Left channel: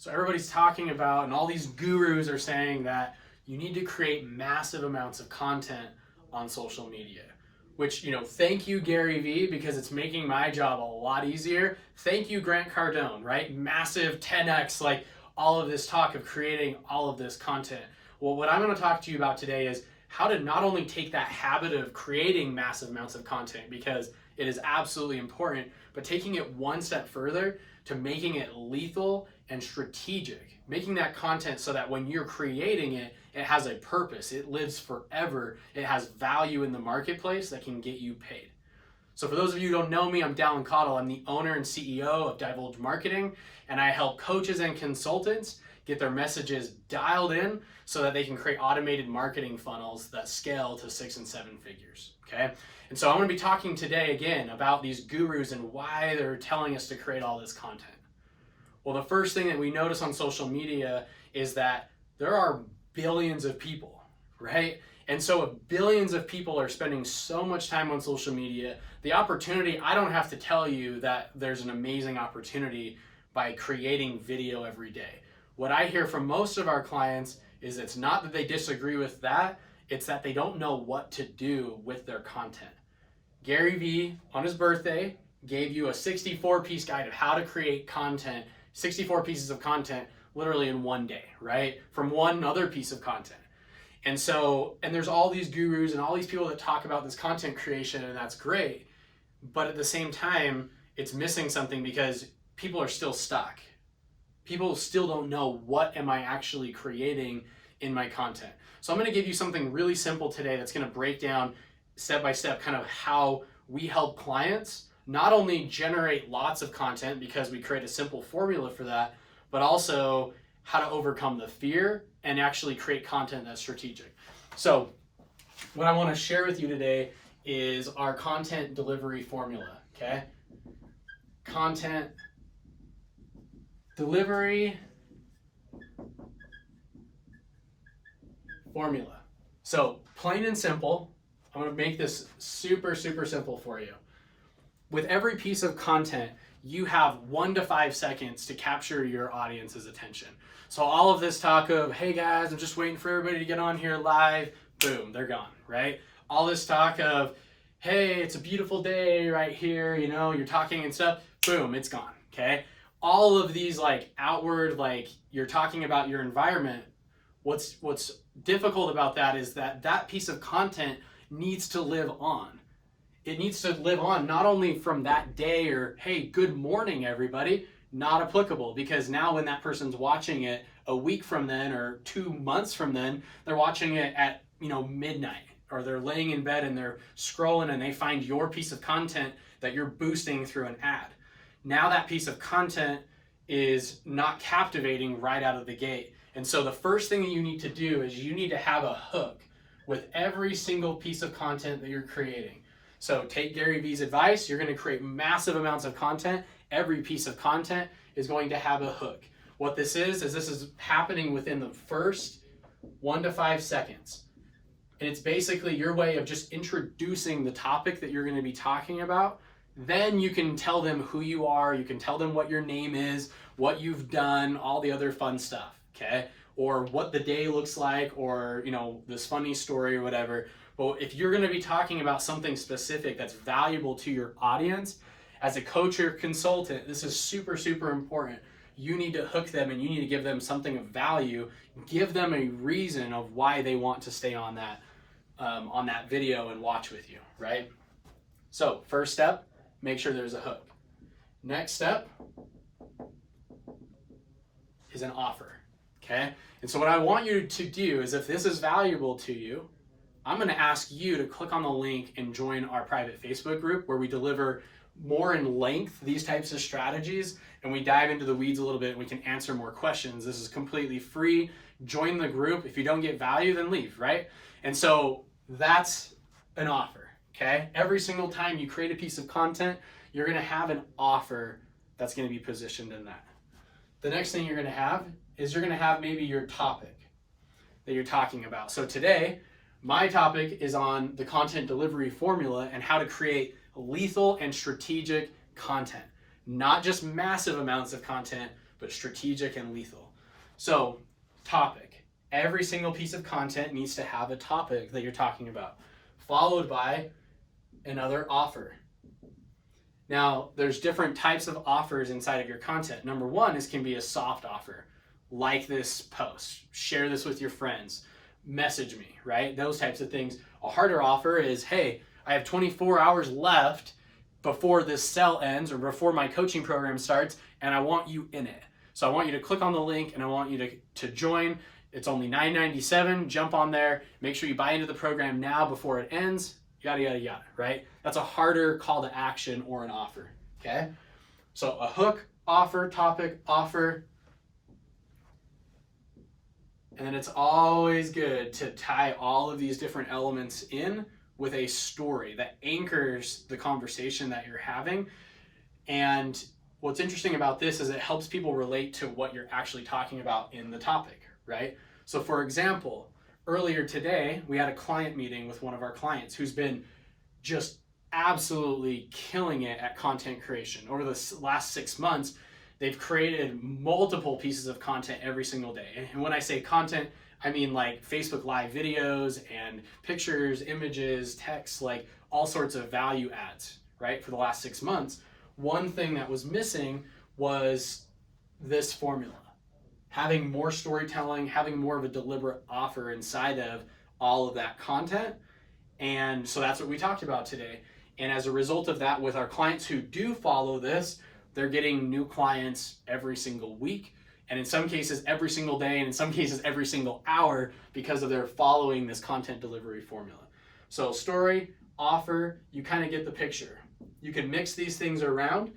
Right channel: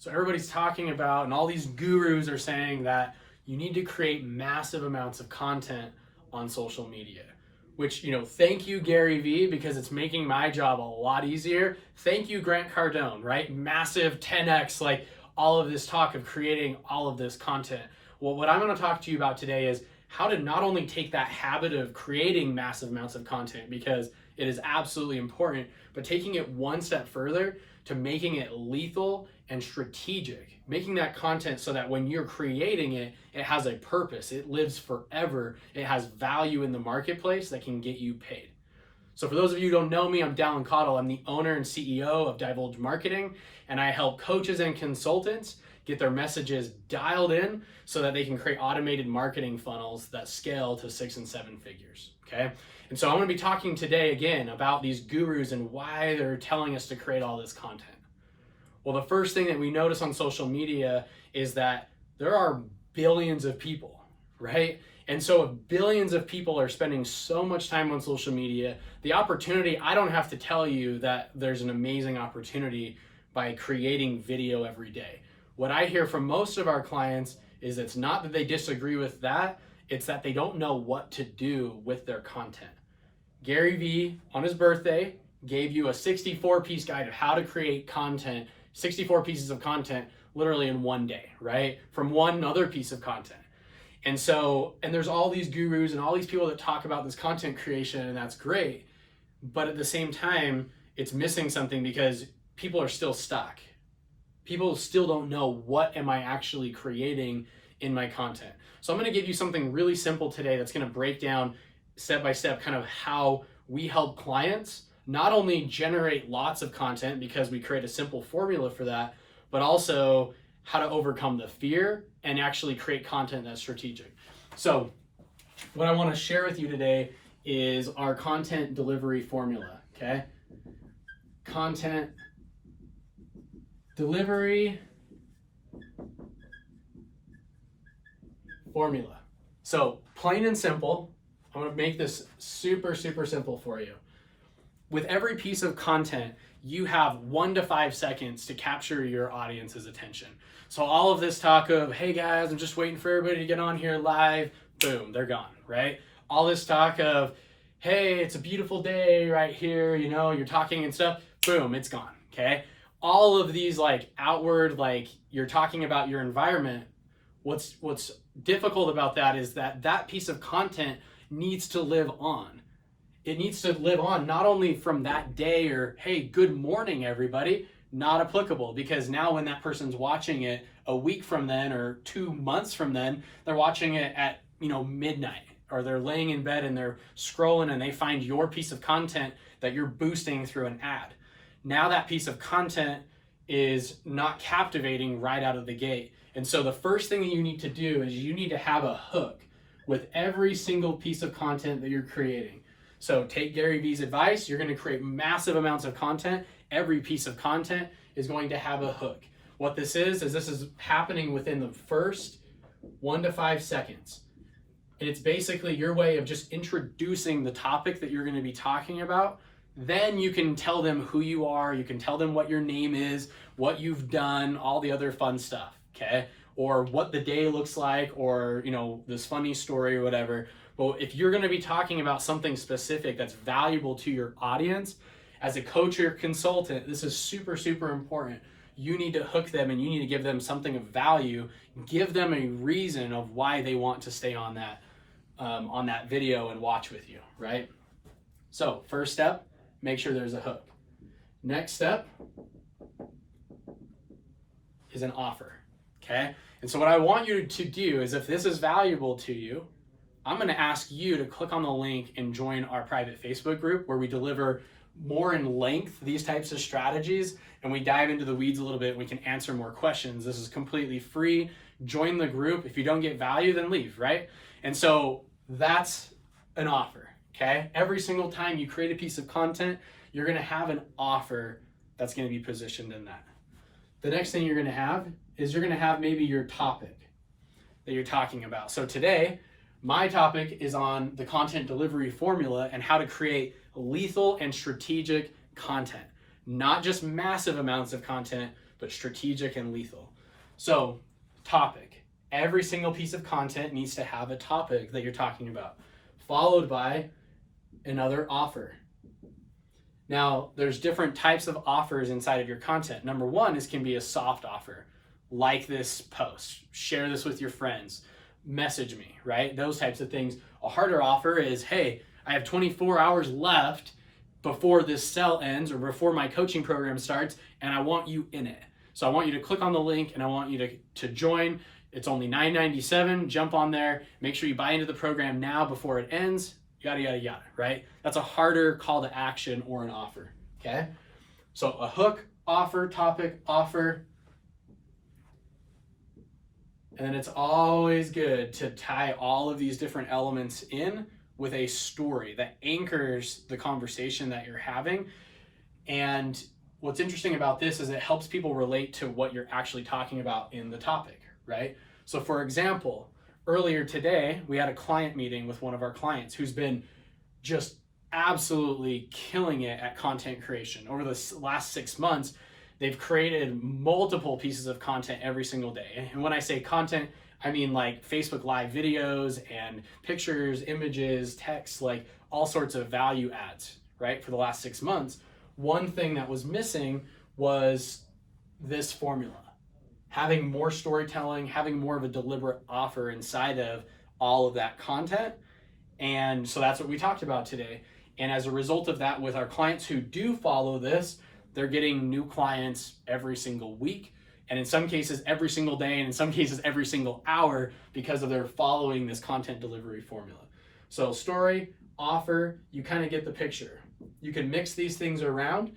So everybody's talking about, and all these gurus are saying that you need to create massive amounts of content on social media, which, thank you, Gary Vee, because it's making my job a lot easier. Thank you, Grant Cardone, right? Massive 10X, like all of this talk of creating all of this content. Well, what I'm going to talk to you about today is how to not only take that habit of creating massive amounts of content, because it is absolutely important, but taking it one step further to making it lethal and strategic, making that content so that when you're creating it, it has a purpose, it lives forever, it has value in the marketplace that can get you paid. So for those of you who don't know me, I'm Dallin Cottle. I'm the owner and CEO of Divulge Marketing, and I help coaches and consultants get their messages dialed in so that they can create automated marketing funnels that scale to 6 and 7 figures, okay? And so I'm gonna be talking today again about these gurus and why they're telling us to create all this content. Well, the first thing that we notice on social media is that there are billions of people, right? And so if billions of people are spending so much time on social media, the opportunity, I don't have to tell you that there's an amazing opportunity by creating video every day. What I hear from most of our clients is it's not that they disagree with that, it's that they don't know what to do with their content. Gary Vee, on his birthday, gave you a 64-piece guide of how to create content, 64 pieces of content, literally in one day, right? From one other piece of content. And there's all these gurus and all these people that talk about this content creation, and that's great. But at the same time, it's missing something because people are still stuck. People still don't know, what am I actually creating in my content? So I'm gonna give you something really simple today that's gonna break down step by step kind of how we help clients not only generate lots of content because we create a simple formula for that, but also how to overcome the fear and actually create content that's strategic. So what I want to share with you today is our content delivery formula, okay? Content delivery formula. So plain and simple, I'm going to make this super, super simple for you. With every piece of content, you have 1 to 5 seconds to capture your audience's attention. So all of this talk of, hey guys, I'm just waiting for everybody to get on here live, boom, they're gone, right? All this talk of, hey, it's a beautiful day right here, you're talking and stuff, boom, it's gone, okay? All of these like outward, like you're talking about your environment, what's difficult about that is that piece of content needs to live on. It needs to live on not only from that day or, hey, good morning, everybody, not applicable, because now when that person's watching it a week from then or 2 months from then, they're watching it at, midnight, or they're laying in bed and they're scrolling and they find your piece of content that you're boosting through an ad. Now that piece of content is not captivating right out of the gate. And so the first thing that you need to do is you need to have a hook with every single piece of content that you're creating. So take Gary Vee's advice, you're going to create massive amounts of content. Every piece of content is going to have a hook. What this is this is happening within the first 1 to 5 seconds. And it's basically your way of just introducing the topic that you're going to be talking about. Then you can tell them who you are, you can tell them what your name is, what you've done, all the other fun stuff, okay? Or what the day looks like, or this funny story or whatever. But if you're going to be talking about something specific that's valuable to your audience, as a coach or consultant, this is super, super important. You need to hook them and you need to give them something of value, give them a reason of why they want to stay on that video and watch with you, right? So first step, make sure there's a hook. Next step is an offer, okay? And so what I want you to do is, if this is valuable to you, I'm going to ask you to click on the link and join our private Facebook group where we deliver more in length these types of strategies, and we dive into the weeds a little bit and we can answer more questions. This is completely free. Join the group. If you don't get value, then leave, right? And so that's an offer, okay? Every single time you create a piece of content, you're going to have an offer that's going to be positioned in that. The next thing you're going to have is you're going to have maybe your topic that you're talking about. So today, my topic is on the content delivery formula and how to create lethal and strategic content. Not just massive amounts of content, but strategic and lethal. So, topic. Every single piece of content needs to have a topic that you're talking about, followed by another offer. Now, there's different types of offers inside of your content. Number one can be a soft offer. Like this post, share this with your friends, message me, right? Those types of things. A harder offer is, hey, I have 24 hours left before this sell ends or before my coaching program starts, and I want you in it. So I want you to click on the link and I want you to join. It's only $9.97. Jump on there. Make sure you buy into the program now before it ends. Yada, yada, yada, right? That's a harder call to action or an offer, okay? So a hook, offer, topic, offer. And it's always good to tie all of these different elements in with a story that anchors the conversation that you're having. And what's interesting about this is it helps people relate to what you're actually talking about in the topic, right? So for example, earlier today, we had a client meeting with one of our clients who's been just absolutely killing it at content creation. Over the last 6 months, they've created multiple pieces of content every single day. And when I say content, I mean like Facebook Live videos and pictures, images, text, like all sorts of value adds, right? For the last 6 months. One thing that was missing was this formula. Having more storytelling, having more of a deliberate offer inside of all of that content. And so that's what we talked about today. And as a result of that, with our clients who do follow this, they're getting new clients every single week, and in some cases every single day, and in some cases every single hour, because of their following this content delivery formula. So story, offer, you kind of get the picture. You can mix these things around,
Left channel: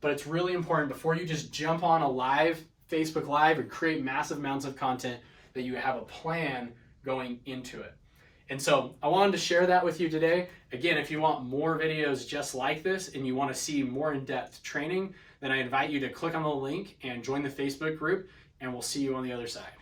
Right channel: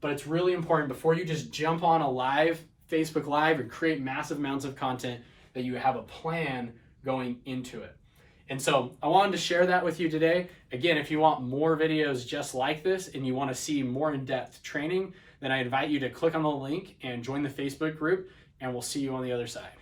but it's really important before you just jump on a live Facebook Live and create massive amounts of content that you have a plan going into it. And so I wanted to share that with you today. Again, if you want more videos just like this and you want to see more in-depth training, then I invite you to click on the link and join the Facebook group, and we'll see you on the other side.